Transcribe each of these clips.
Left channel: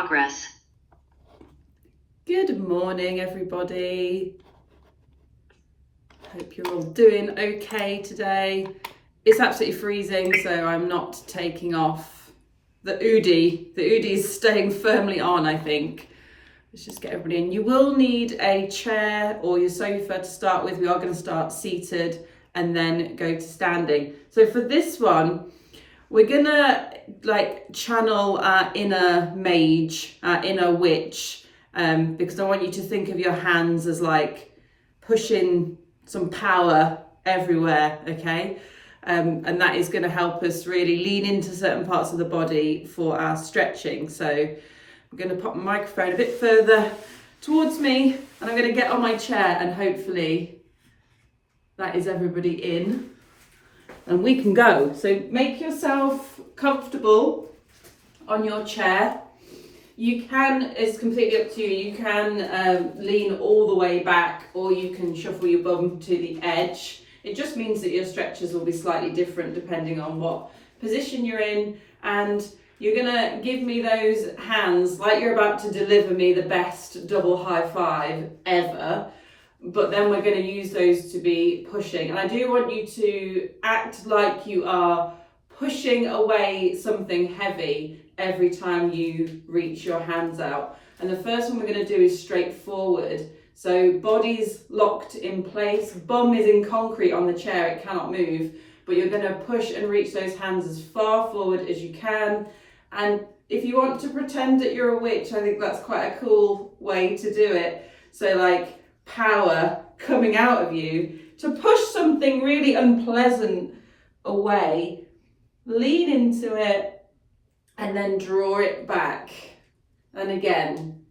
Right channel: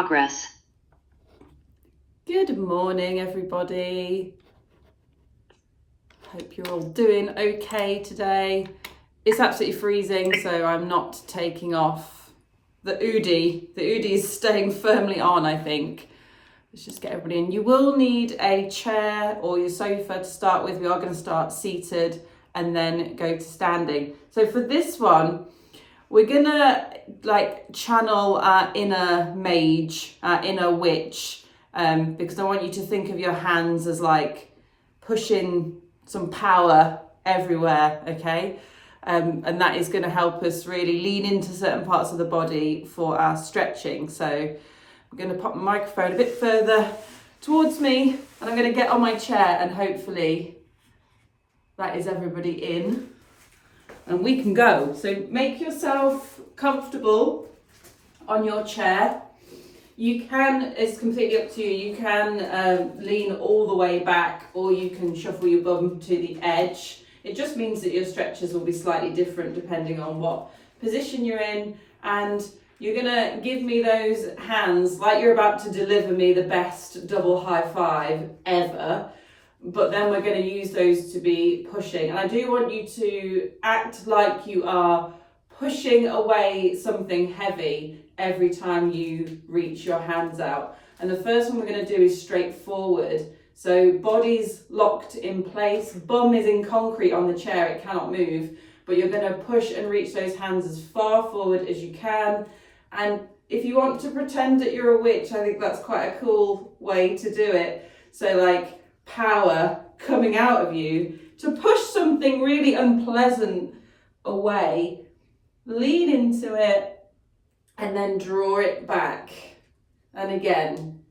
progress. Good morning, everybody. Hope you're all doing okay today. It's absolutely freezing, so I'm not taking off the hoodie. The hoodie is staying firmly on, I think. Let's just get everybody in. You will need a chair or your sofa to start with. We are going to start seated and then go to standing. So for this one, we're going to channel our inner mage, our inner witch, because I want you to think of your hands as like pushing some power everywhere, okay? And that is going to help us really lean into certain parts of the body for our stretching. So I'm going to pop my microphone a bit further towards me, and I'm going to get on my chair, and hopefully that is everybody in and we can go. So make yourself comfortable on your chair. You can, it's completely up to you, you can lean all the way back, or you can shuffle your bum to the edge. It just means that your stretches will be slightly different depending on what position you're in, and you're gonna give me those hands like you're about to deliver me the best double high five ever, but then we're gonna use those to be pushing. And I do want you to act like you are pushing away something heavy every time you reach your hands out. And the first one we're gonna do is straight forward. So body's locked in place, bum is in concrete on the chair, it cannot move, but you're gonna push and reach those hands as far forward as you can. And if you want to pretend that you're a witch, I think that's quite a cool way to do it. So like power coming out of you to push something really unpleasant away, lean into it and then draw it back. And again,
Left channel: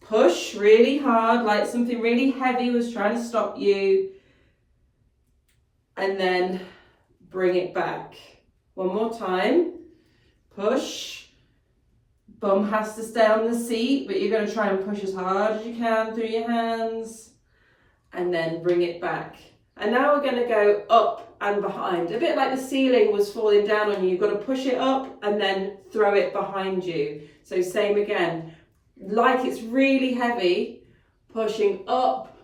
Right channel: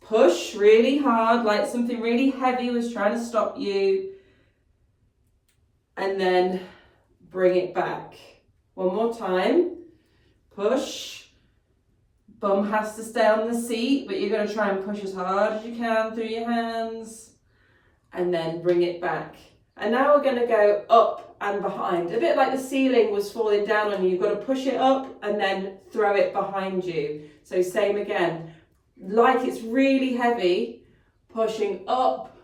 push really hard, like something really heavy was trying to stop you, and then bring it back. One more time. Push. Bum has to stay on the seat, but you're going to try and push as hard as you can through your hands, and then bring it back. And now we're going to go up and behind. A bit like the ceiling was falling down on you. You've got to push it up and then throw it behind you. So same again. Like it's really heavy, pushing up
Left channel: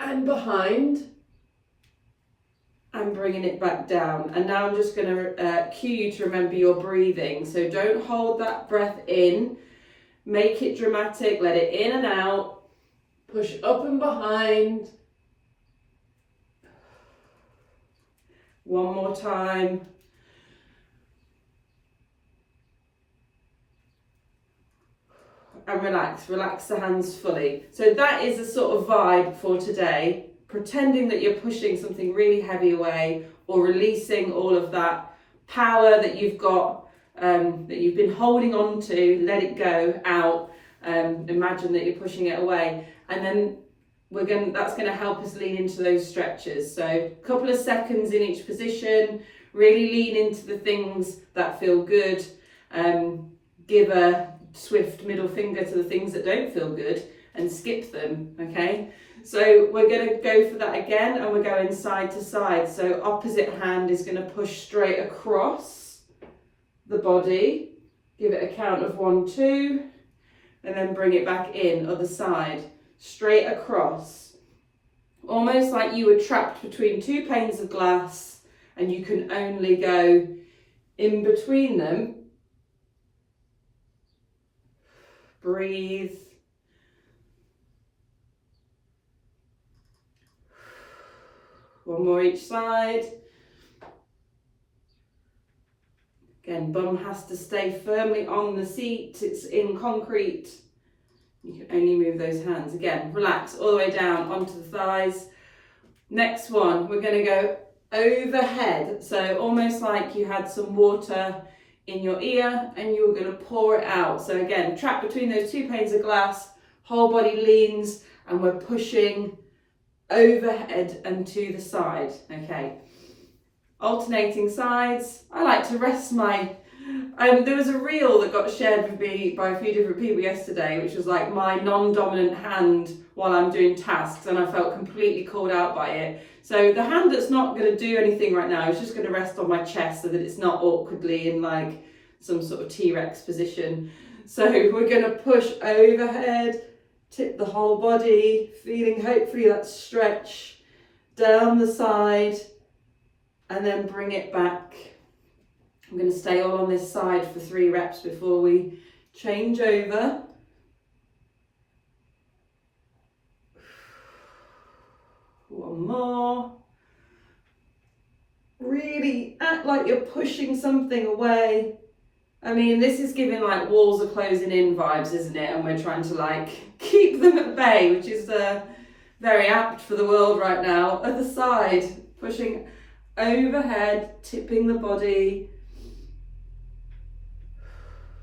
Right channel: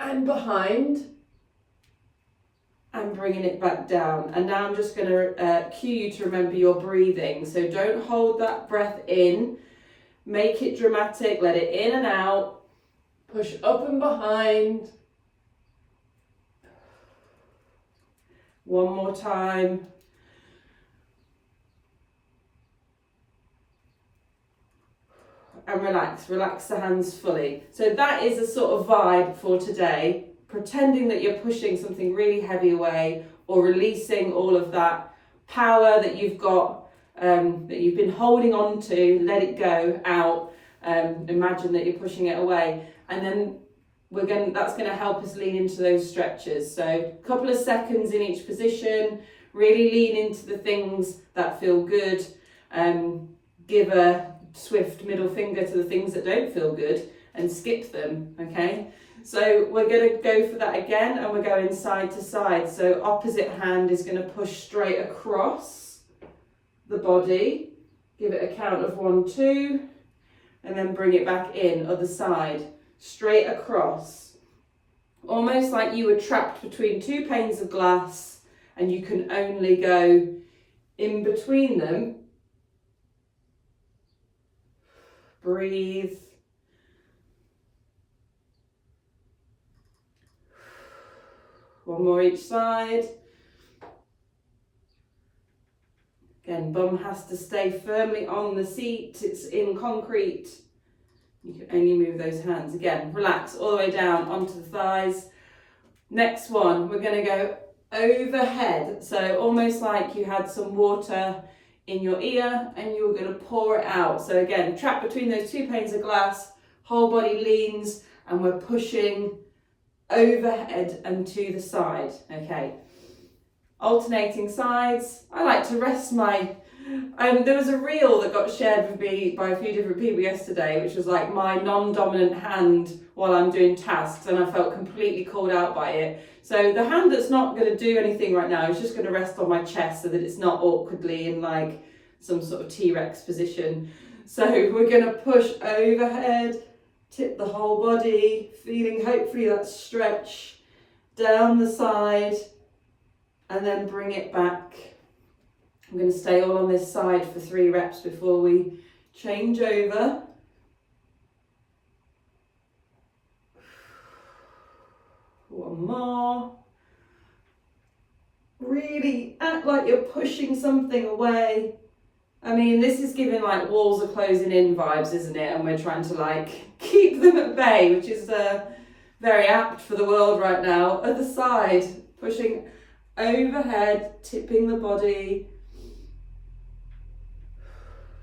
and behind, and bringing it back down. And now I'm just going to cue you to remember your breathing. So don't hold that breath in. Make it dramatic. Let it in and out. Push up and behind. One more time. And relax the hands fully. So that is a sort of vibe for today. Pretending that you're pushing something really heavy away, or releasing all of that power that you've got, that you've been holding on to, let it go out. Imagine that you're pushing it away, and then that's going to help us lean into those stretches. So a couple of seconds in each position, really lean into the things that feel good. Give a swift middle finger to the things that don't feel good and skip them, okay? So we're going to go for that again, and we're going side to side. So opposite hand is going to push straight across the body. Give it a count of 1, 2, and then bring it back in, other side, straight across. Almost like you were trapped between two panes of glass and you can only go in between them. Breathe. One more each side. Again, bum has to stay firmly on the seat. It's in concrete. You can only move those hands. Again, relax all the way down onto the thighs. Next one, we're going to go overhead. So almost like you had some water in your ear and you were going to pour it out. So again, trapped between those two panes of glass, whole body leans, and we're pushing overhead and to the side. Okay, alternating sides. I like to rest my there was a reel that got shared with me by a few different people yesterday, which was like my non-dominant hand while I'm doing tasks, and I felt completely called out by it. So the hand that's not going to do anything right now is just going to rest on my chest so that it's not awkwardly in like some sort of T-Rex position. So we're going to push overhead, tip the whole body, feeling hopefully that stretch down the side, and then bring it back. I'm going to stay all on this side for 3 reps before we change over. One more. Really act like you're pushing something away. I mean, this is giving like walls are closing in vibes, isn't it? And we're trying to like keep them at bay, which is very apt for the world right now. Other side, pushing overhead, tipping the body.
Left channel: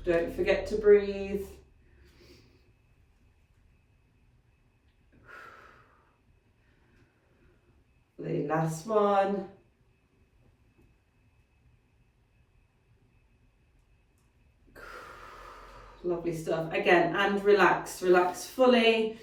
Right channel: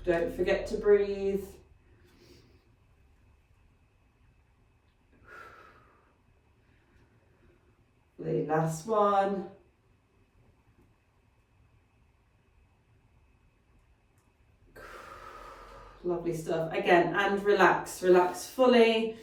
Don't forget to breathe. The last one. Lovely stuff. Again, and relax fully.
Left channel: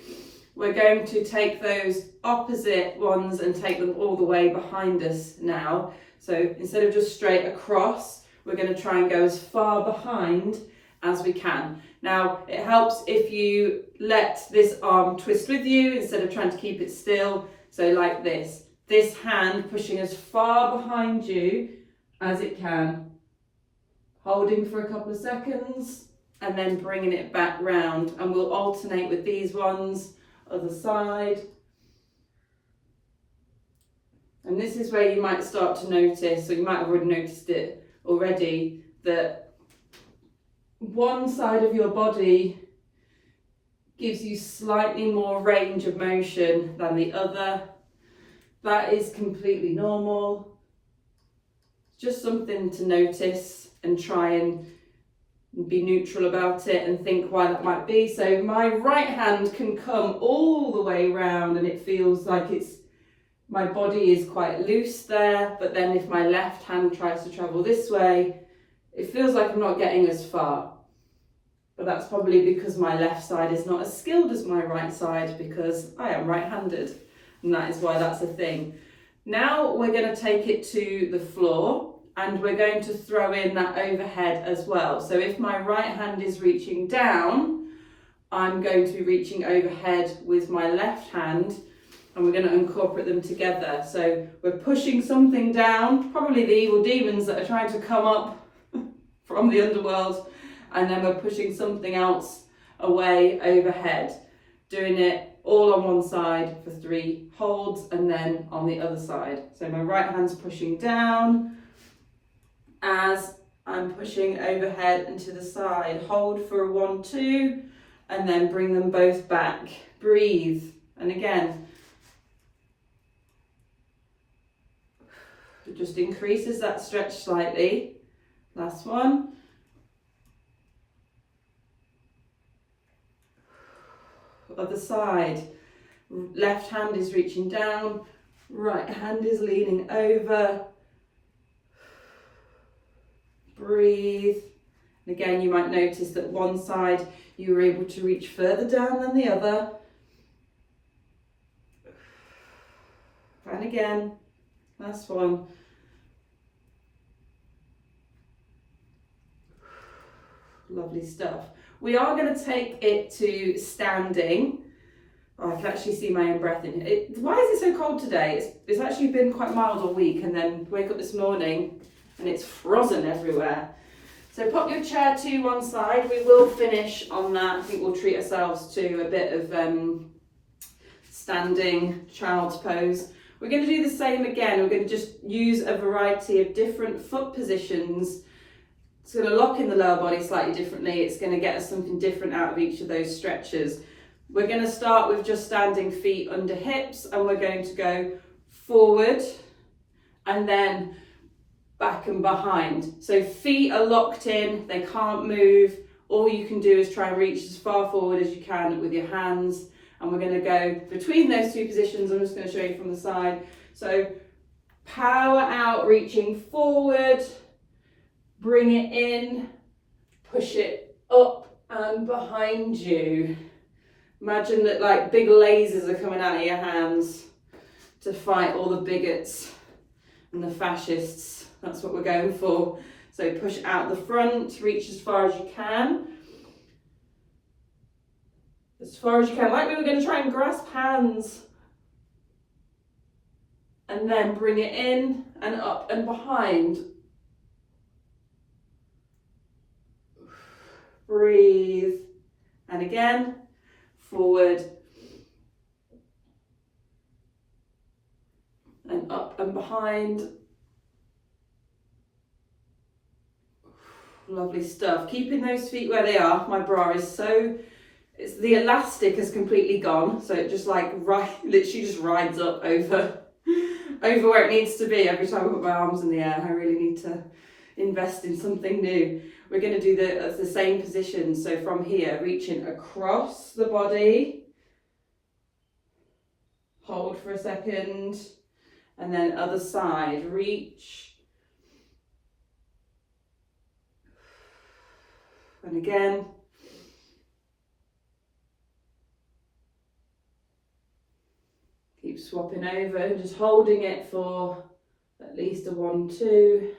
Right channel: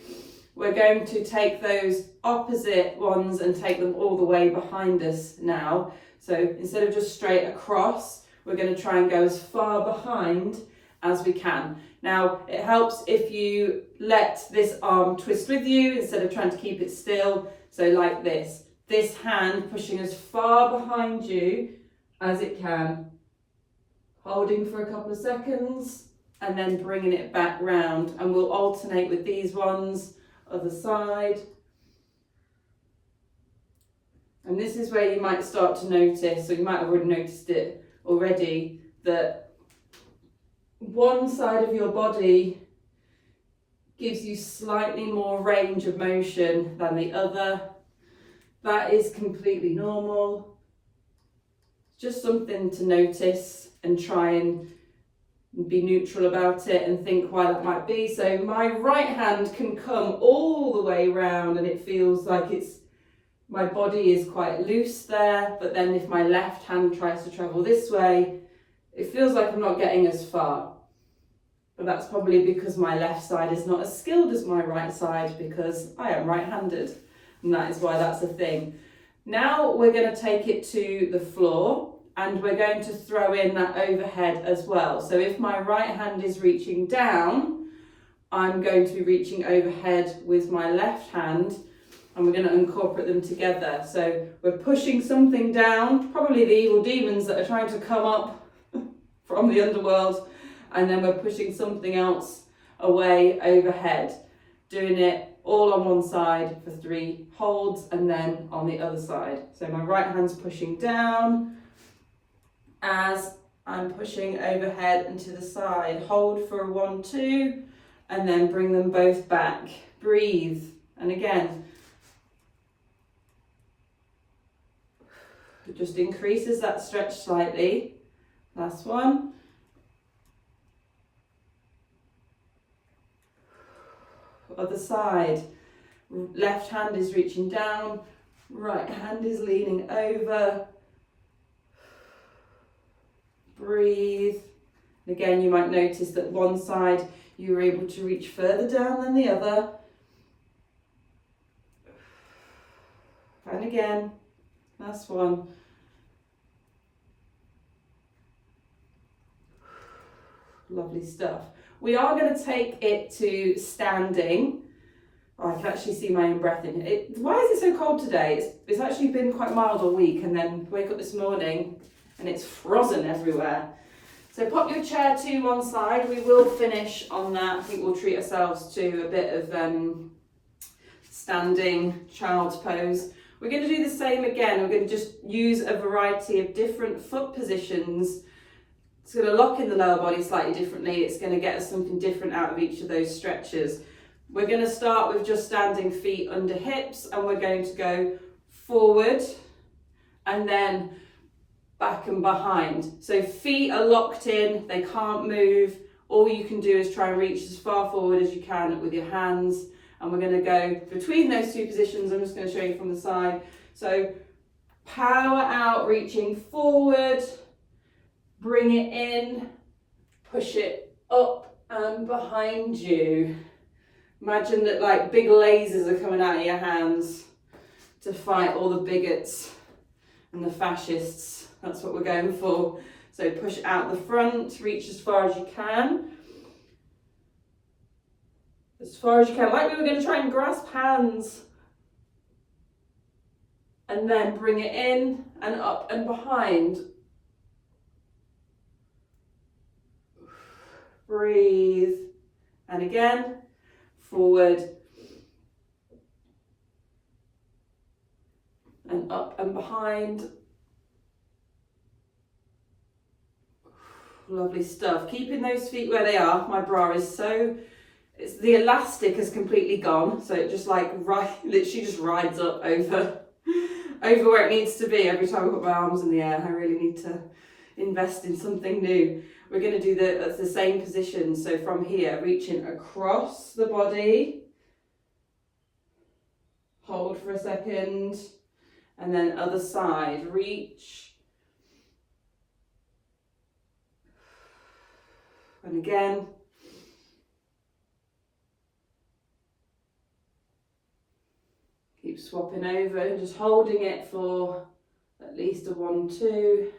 We're going to take those opposite ones and take them all the way behind us now. So instead of just straight across, we're going to try and go as far behind as we can. Now, it helps if you let this arm twist with you instead of trying to keep it still. So like this. This hand pushing as far behind you as it can. Holding for a couple of seconds and then bringing it back round. And we'll alternate with these ones, other side. And this is where you might start to notice, or you might have already noticed it already, that one side of your body gives you slightly more range of motion than the other. That is completely normal. Just something to notice and try and be neutral about it and think why that might be. So my right hand can come all the way round and it feels like my body is quite loose there, but then if my left hand tries to travel this way, it feels like I'm not getting as far. But that's probably because my left side is not as skilled as my right side because I am right-handed, and that is why that's a thing. Now we're going to take it to the floor and we're going to throw in that overhead as well. So if my right hand is reaching down, I'm going to be reaching overhead with my left hand, and we're going to incorporate them together. So we're pushing something down, probably the evil demons that are trying to come up from the underworld, and then we're pushing something else away overhead, doing it all on one side for 3 holds and then on the other side. So my right hand's pushing down as I'm pushing overhead and to the side. Hold for 1, 2, and then bring them both back. Breathe. And again, it just increases that stretch slightly. Last one. Other side. Left hand is reaching down, right hand is leaning over. Breathe. And again, you might notice that one side you were able to reach further down than the other. And again, last one. Lovely stuff. We are going to take it to standing. Oh, I can actually see my own breath in it. Why is it so cold today? It's actually been quite mild all week, and then wake up this morning and it's frozen everywhere. So pop your chair to one side. We will finish on that. I think we'll treat ourselves to a bit of standing child's pose. We're going to do the same again. We're going to just use a variety of different foot positions. It's going to lock in the lower body slightly differently. It's going to get us something different out of each of those stretches. We're going to start with just standing feet under hips, and we're going to go forward and then back and behind. So feet are locked in, they can't move. All you can do is try and reach as far forward as you can with your hands. And we're going to go between those 2 positions. I'm just going to show you from the side. So power out, reaching forward. Bring it in, push it up and behind you. Imagine that like big lasers are coming out of your hands to fight all the bigots and the fascists. That's what we're going for. So push out the front, reach as far as you can. as far as you can, like we were going to try and grasp hands. And then bring it in and up and behind. Breathe. And again, forward. And up and behind. Lovely stuff. Keeping those feet where they are. My bra is so, the elastic has completely gone. So it just like, literally just rides up over where it needs to be every time I put my arms in the air. I really need to invest in something new. We're going to do the same position. So from here, reaching across the body. Hold for a second. And then other side, reach. And again. Keep swapping over, just holding it for at least a 1, 2.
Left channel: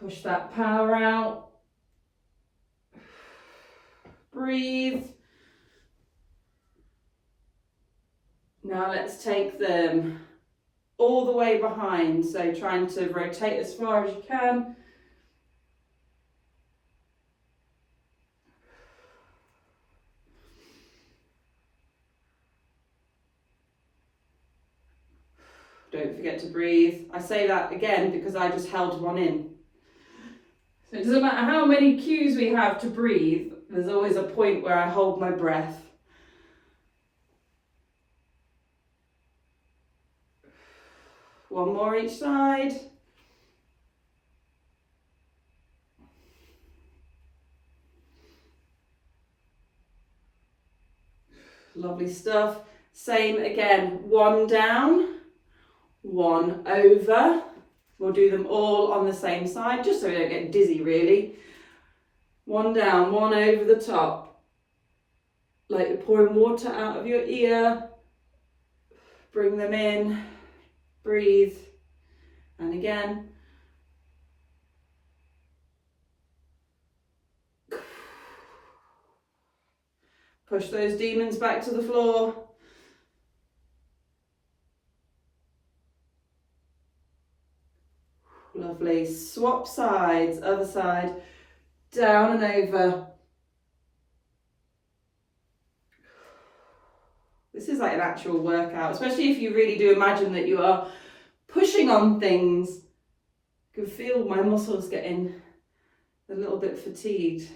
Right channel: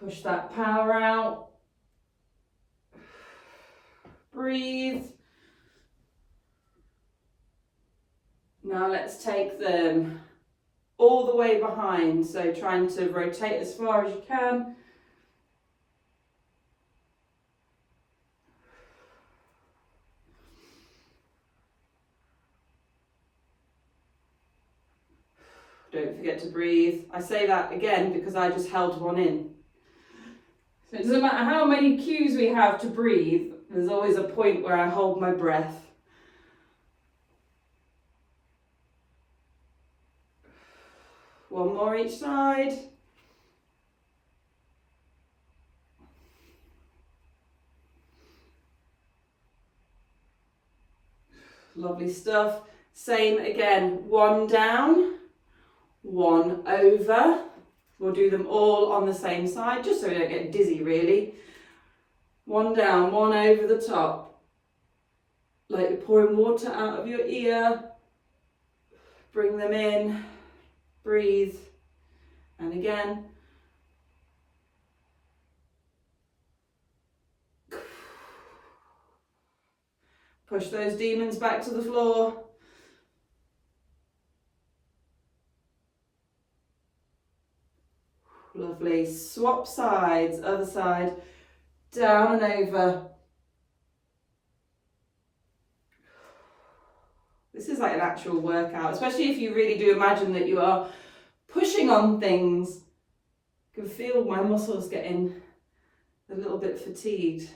Push that power out. Breathe. Now let's take them all the way behind. So trying to rotate as far as you can. Don't forget to breathe. I say that again because I just held one in. So it doesn't matter how many cues we have to breathe, there's always a point where I hold my breath. One more each side. Lovely stuff. Same again, 1 down, 1 over. We'll do them all on the same side, just so we don't get dizzy really. 1 down, 1 over the top. Like you're pouring water out of your ear. Bring them in, breathe, and again. Push those demons back to the floor. Lovely. Swap sides, other side, down and over. This is like an actual workout, especially if you really do imagine that you are pushing on things. I can feel my muscles getting a little bit fatigued.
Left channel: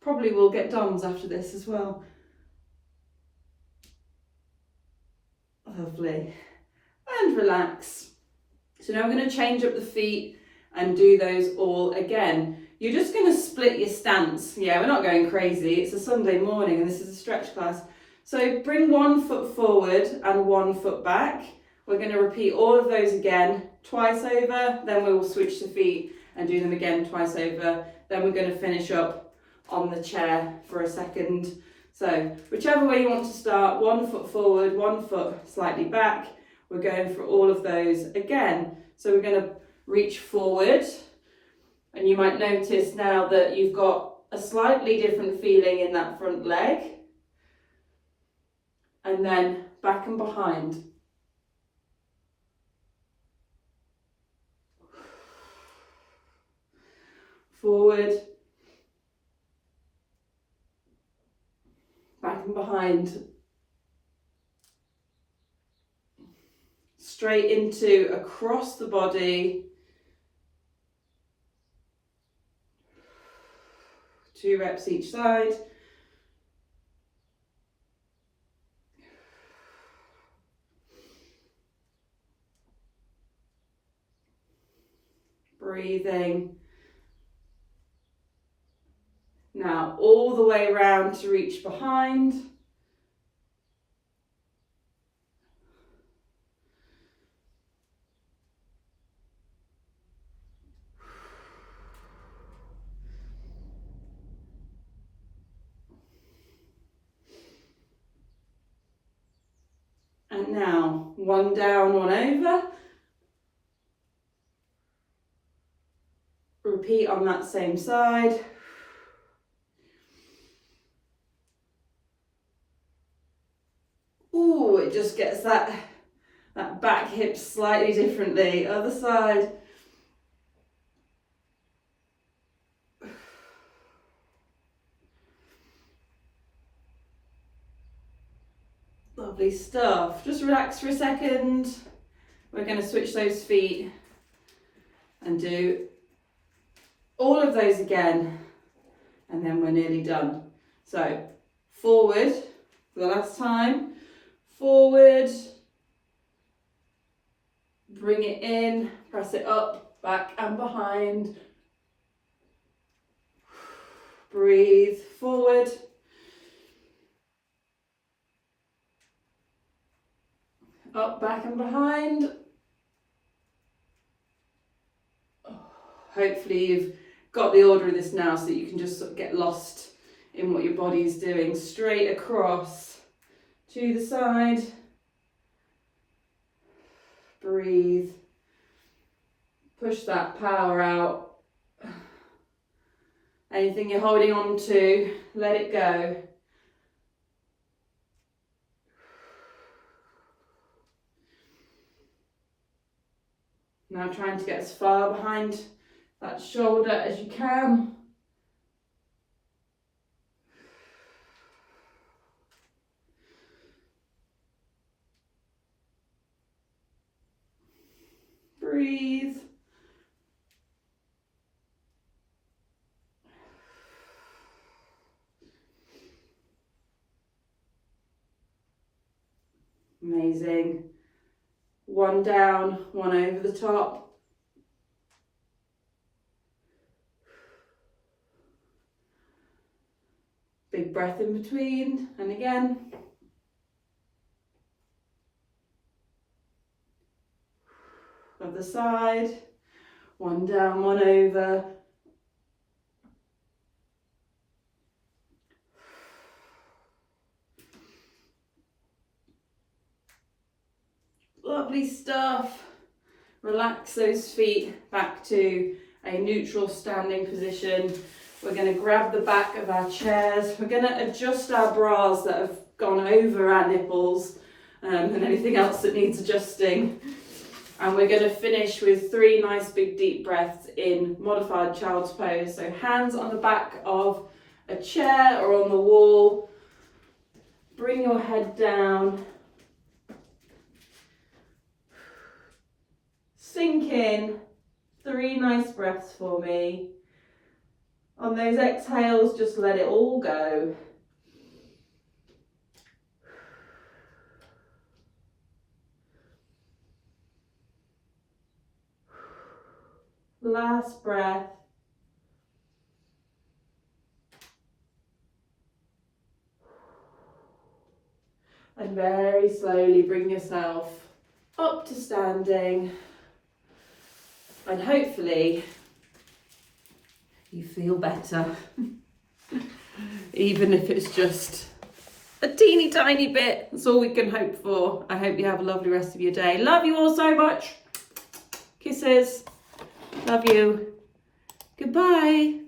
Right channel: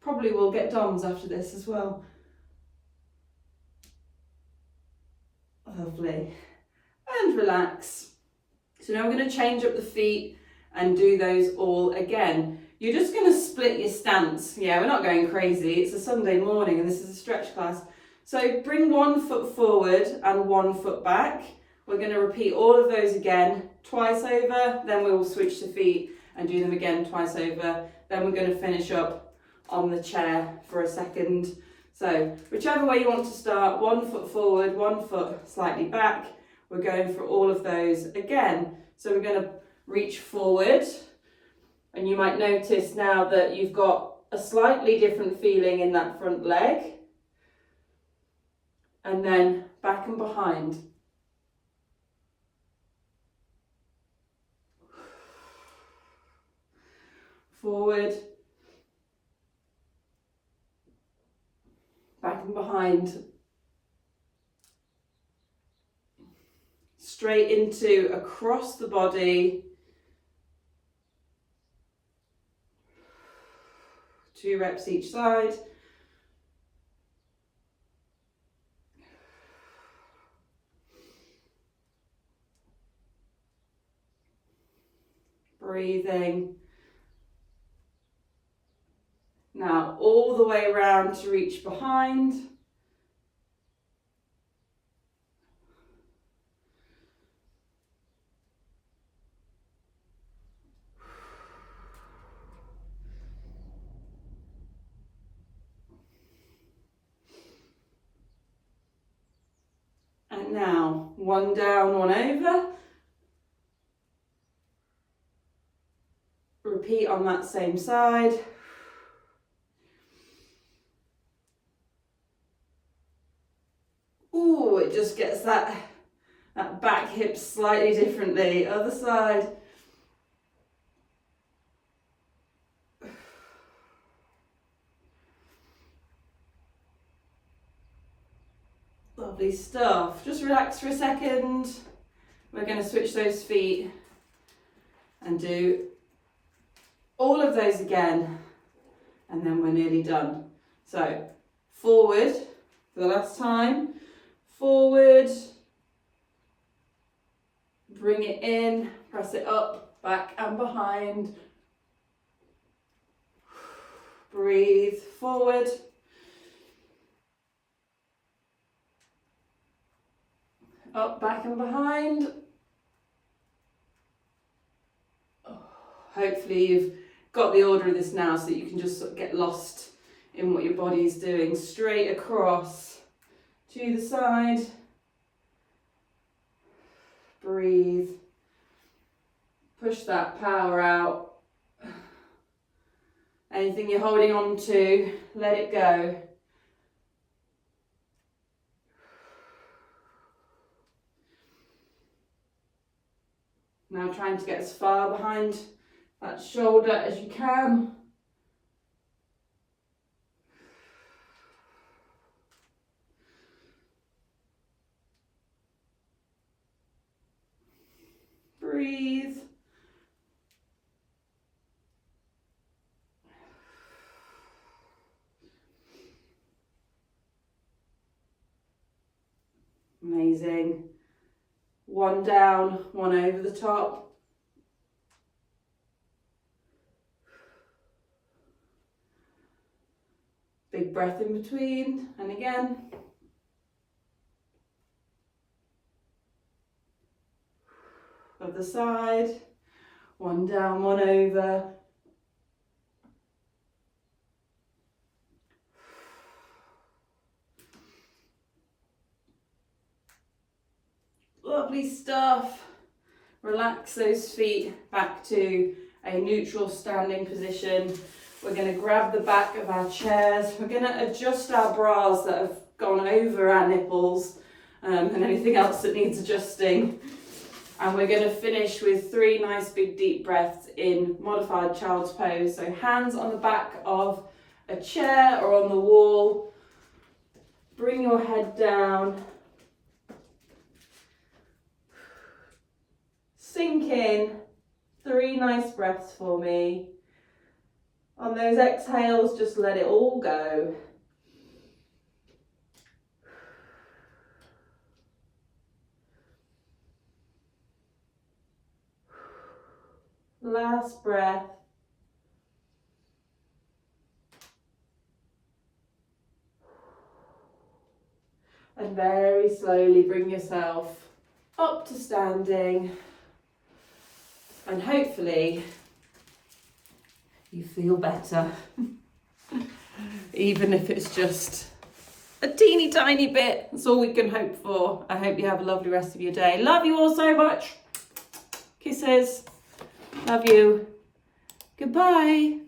Probably will get DOMs after this as well. Lovely. And relax. So now we're going to change up the feet and do those all again. You're just going to split your stance. Yeah, we're not going crazy. It's a Sunday morning and this is a stretch class. So bring 1 foot forward and 1 foot back. We're going to repeat all of those again, twice over. Then we will switch the feet and do them again twice over. Then we're going to finish up on the chair for a second. So whichever way you want to start, 1 foot forward, 1 foot slightly back. We're going for all of those again. So we're going to reach forward, and you might notice now that you've got a slightly different feeling in that front leg. And then back and behind. Forward. Back and behind. Straight into across the body. 2 reps each side. Breathing. Now all the way around to reach behind. And now 1 down, 1 over. Repeat on that same side. it just gets that back hip slightly differently. Other side. Lovely stuff. Just relax for a second. We're going to switch those feet and do all of those again, and then we're nearly done. So forward for the last time, forward, bring it in, press it up, back and behind, breathe, forward, up, back and behind. Hopefully you've got the order of this now so that you can just sort of get lost in what your body's doing. Straight across to the side. Breathe. Push that power out. Anything you're holding on to, let it go. Now trying to get as far behind that shoulder as you can. Breathe. Amazing. One down, one over the top. Big breath in between, and again. Other side. One down, one over. Lovely stuff. Relax those feet back to a neutral standing position. We're going to grab the back of our chairs. We're going to adjust our bras that have gone over our nipples and anything else that needs adjusting. And we're going to finish with 3 nice big deep breaths in modified child's pose. So hands on the back of a chair or on the wall. Bring your head down. Sink in. 3 nice breaths for me. On those exhales, just let it all go. Last breath. And very slowly bring yourself up to standing. And hopefully you feel better. Even if it's just a teeny tiny bit. That's all we can hope for. I hope you have a lovely rest of your day. Love you all so much. Kisses. Love you. Goodbye.